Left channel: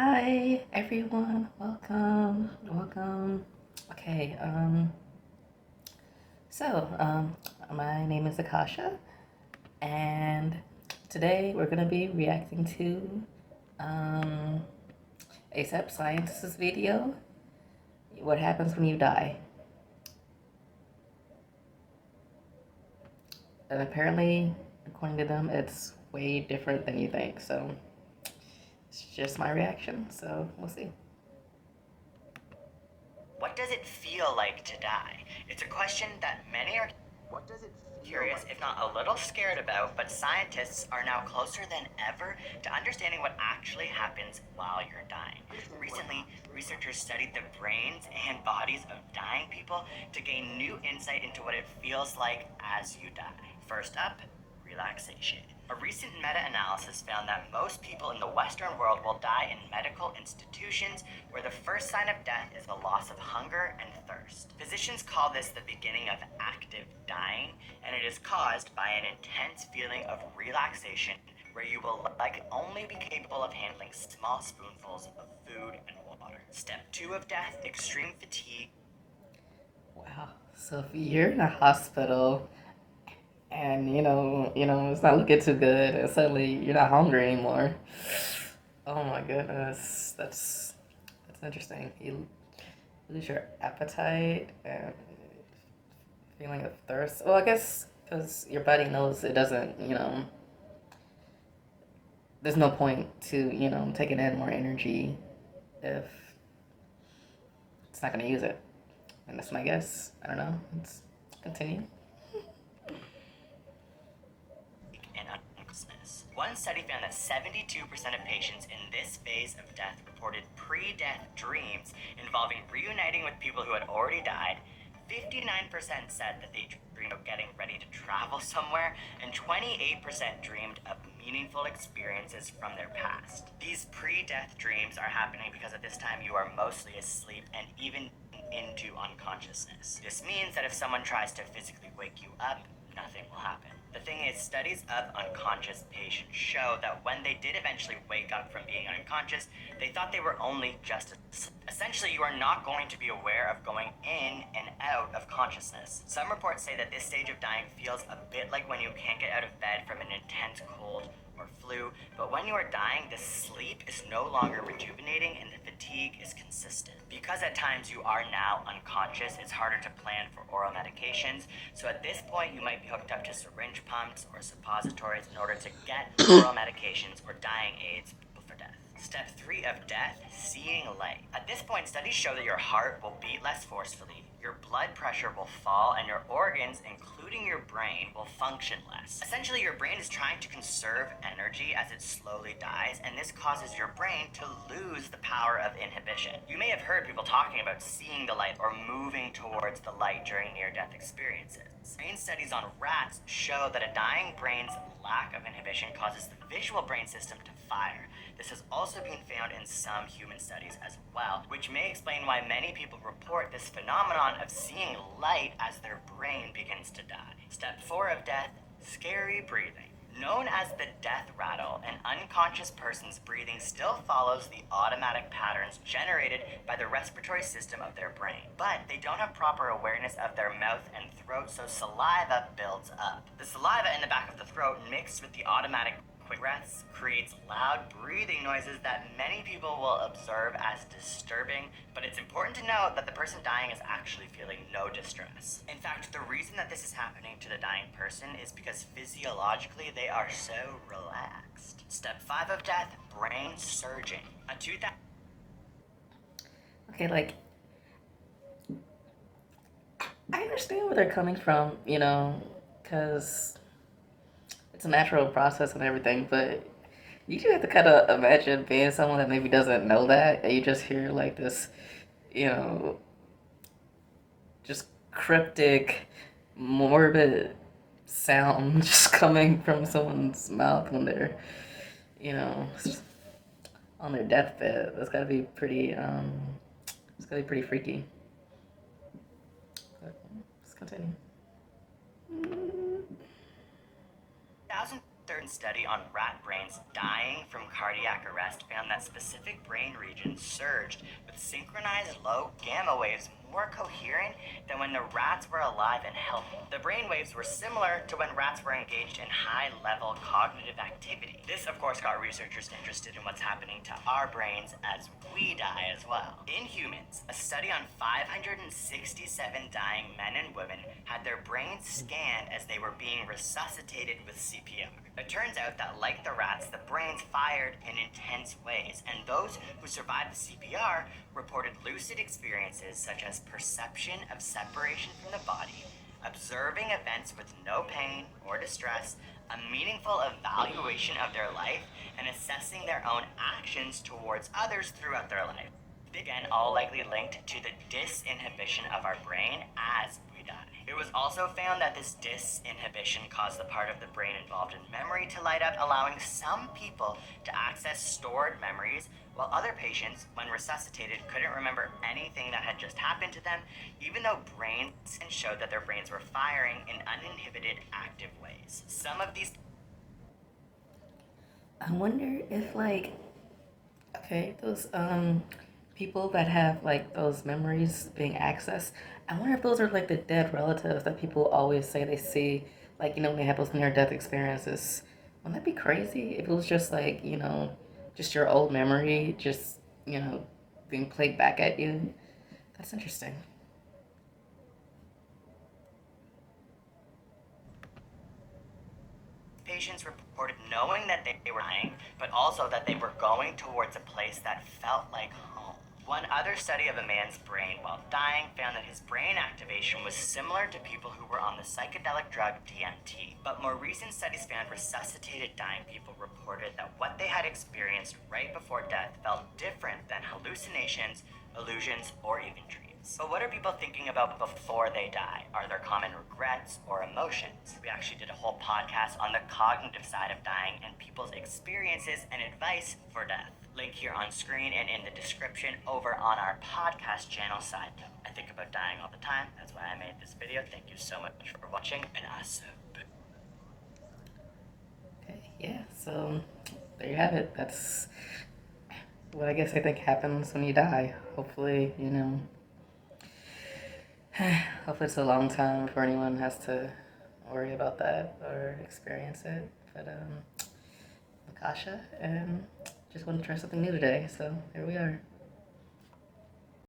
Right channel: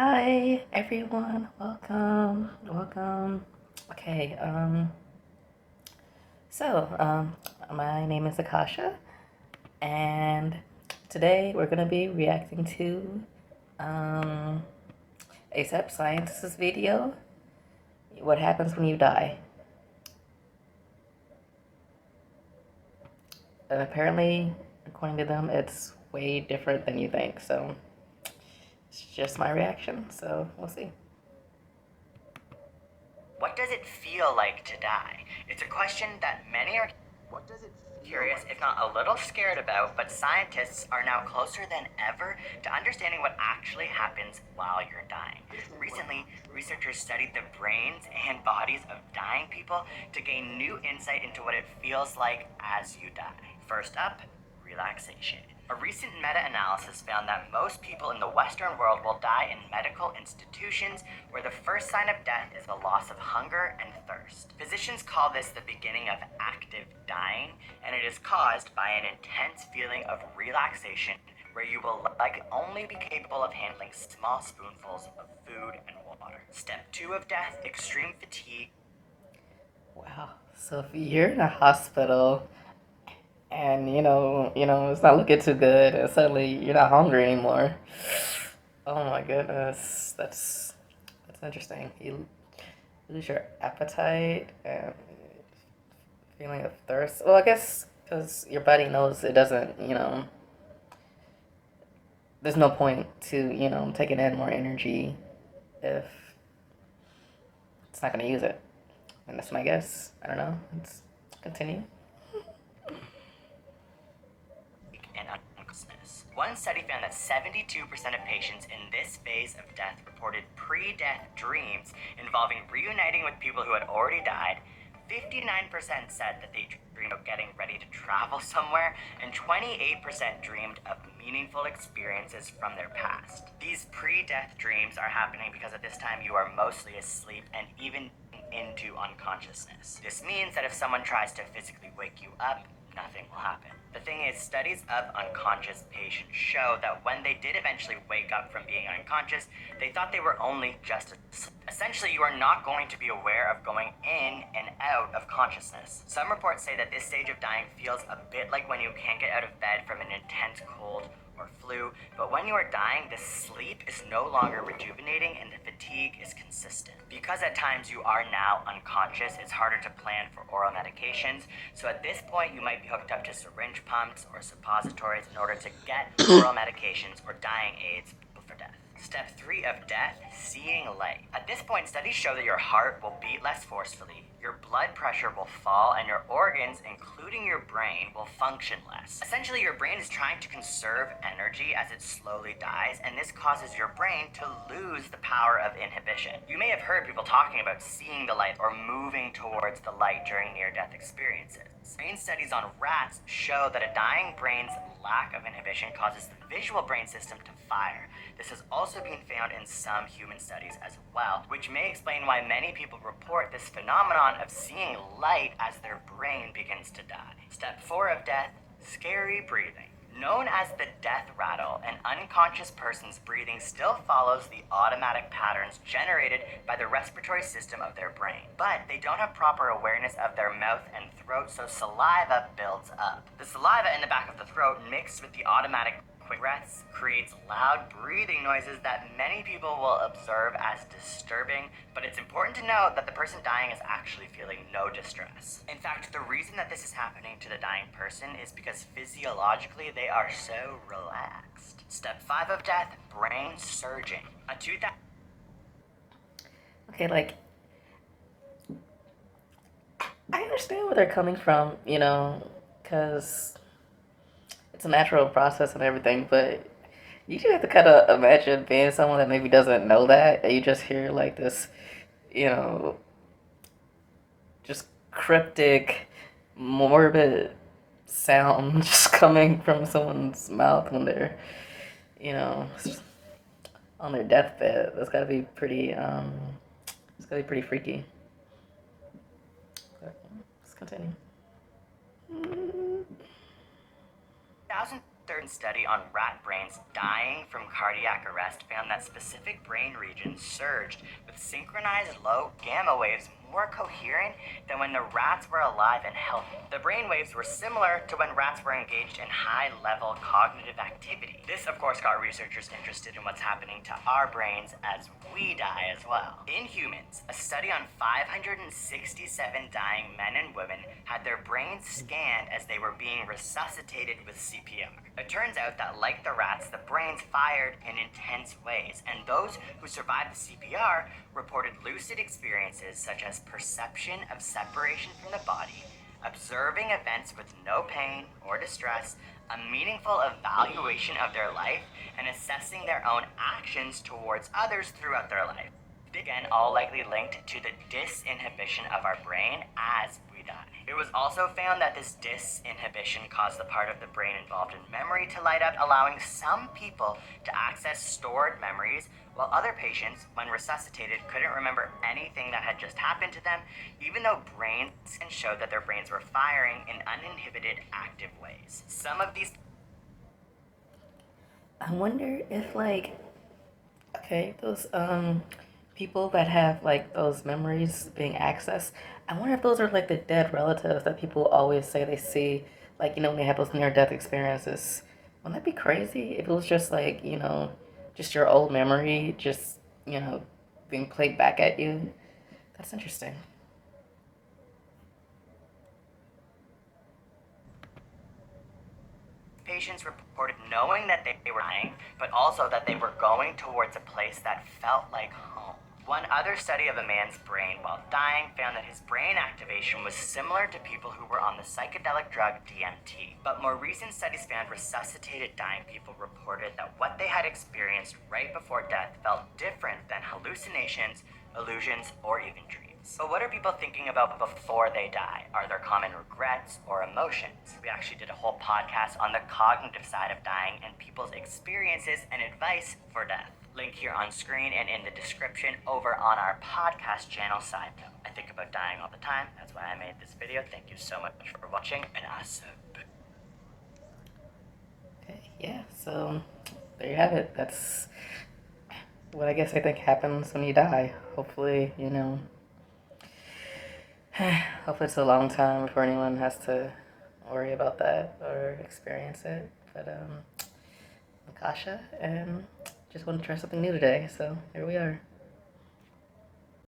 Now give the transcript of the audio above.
Hi everyone, welcome. Okay, so my name is Akasha, and today we're gonna be reacting to um, ASAPscience's video. What happens when you die? And apparently, according to them, it's way different than you think. So it's just my reaction. So we'll see. What does it feel like to die? It's a question that many are curious, if not a little scared about, but scientists are now closer than ever to understanding what actually happens while you're dying. Recently, researchers studied the brains and bodies of dying people to gain new insight into what it feels like as you die. First up, relaxation. A recent meta-analysis found that most people in the Western world will die in medical institutions where the first sign of death is the loss of hunger and thirst. Physicians call this the beginning of active dying, and it is caused by an intense feeling of relaxation where you will likely only be capable of handling small spoonfuls of food and water. Step 2 of death, extreme fatigue. Wow. So if you're in a hospital and it's not looking too good, and suddenly you're not hungry anymore. Oh my goodness, that's interesting. You lose your appetite and feeling of thirst. Well, I guess because your body knows it doesn't. There's no point to taking in more energy if it's not going to use it. And that's my guess. I don't know. Let's continue. And unconsciousness. One study found that 72% of patients in this phase of death reported pre-death dreams involving reuniting with people who had already died. 59% said that they dreamed of getting ready to travel somewhere, and 28% dreamed of meaningful experiences from their past. These pre-death dreams are happening because at this time you are mostly asleep and even into unconsciousness. This means that if someone tries to physically wake you up, nothing will happen. The thing is, studies of unconscious patients show that when they did eventually wake up from being unconscious, they thought they were only just asleep. Essentially, you are not going to be aware of going in and out of consciousness. Some reports say that this stage of dying feels a bit like when you can't get out of bed from an intense cold or flu, but when you are dying, the sleep is no longer rejuvenating and the fatigue is consistent. Because at times you are now unconscious, it's harder to plan for oral medications, so at this point you might be hooked up to syringe pumps or suppositories in order to get oral medications or dying aids for death. Step 3 of death, seeing light. At this point, studies show that your heart will beat less forcefully, your blood pressure will fall, and your organs, including your brain, will function less. Essentially, your brain is trying to conserve energy as it slowly dies, and this causes your brain to lose the power of inhibition. You may have heard people talking about seeing the light or moving towards the light during near-death experiences. Brain studies on rats show that a dying brain's lack of inhibition causes the visual brain system to fire. This has also been found in some human studies as well, which may explain why many people report this phenomenon of seeing light as their brain begins to die. Step 4 of death, scary breathing. Known as the death rattle, an unconscious person's breathing still follows the automatic patterns generated by the respiratory system of their brain, but they don't have proper awareness of their mouth and throat, so saliva builds up. The saliva in the back of the throat mixed with the automatic quick breaths creates loud breathing noises that many people will observe as disturbing, but it's important to note that the person dying is actually feeling no distress. In fact, the reason that this is happening to the dying person is because physiologically they are so relaxed. Step 5 of death, brain surging. A 2000 Okay, like I understand where they're coming from, because it's a natural process and everything, but you do have to kind of imagine being someone that maybe doesn't know that, and you just hear like this, you know, just cryptic, morbid sound just coming from someone's mouth when they're, you know, on their deathbed. That's gotta be pretty, it's gotta be pretty freaky. But let's continue. 2013 study on rat brains dying from cardiac arrest found that specific brain regions surged with synchronized low gamma waves more coherent than when the rats were alive and healthy. The brain waves were similar to when rats were engaged in high-level cognitive activity. This, of course, got researchers interested in what's happening to our brains as we die as well. In humans, a study on 567 dying men and women had their brains scanned as they were being resuscitated with CPR. It turns out that, like the rats, the brains fired in intense ways, and those who survived the CPR reported lucid experiences such as perception of separation from the body, observing events with no pain or distress, a meaningful evaluation of their life, and assessing their own actions towards others throughout their life. Again, all likely linked to the disinhibition of our brain as we die. It was also found that this disinhibition caused the part of the brain involved in memory to light up, allowing some people to access stored memories, while other patients, when resuscitated, couldn't remember anything that had just happened to them, even though brains showed that their brains were firing in uninhibited, active ways. Some of these I wonder if like, okay, those people that have like those memories being accessed, I wonder if those are like the dead relatives that people always say they see, like, when they have those near death experiences. Wouldn't that be crazy if it was just like, just your old memory just, being played back at you? That's interesting. patients reported knowing that they were dying, but also that they were going towards a place that felt like home. One other study of a man's brain while dying found that his brain activation was similar to people who were on the psychedelic drug DMT. But more recent studies found resuscitated dying people reported that what they had experienced right before death felt different than hallucinations, illusions, or even dreams. But what are people thinking about before they die? Are there common regrets or emotions? We actually did a whole podcast on the cognitive side of dying and people's experiences and advice for death. Link here on screen and in the description over on our podcast channel. Side note, I think about dying all the time. That's why I made this video. Thank you so much for watching, and awesome. Okay, yeah, so there you have it. That's what I guess I think happens when you die. Hopefully, hopefully it's a long time before anyone has to worry about that or experience it. But Nakasha, and just want to try something new today, so here we are.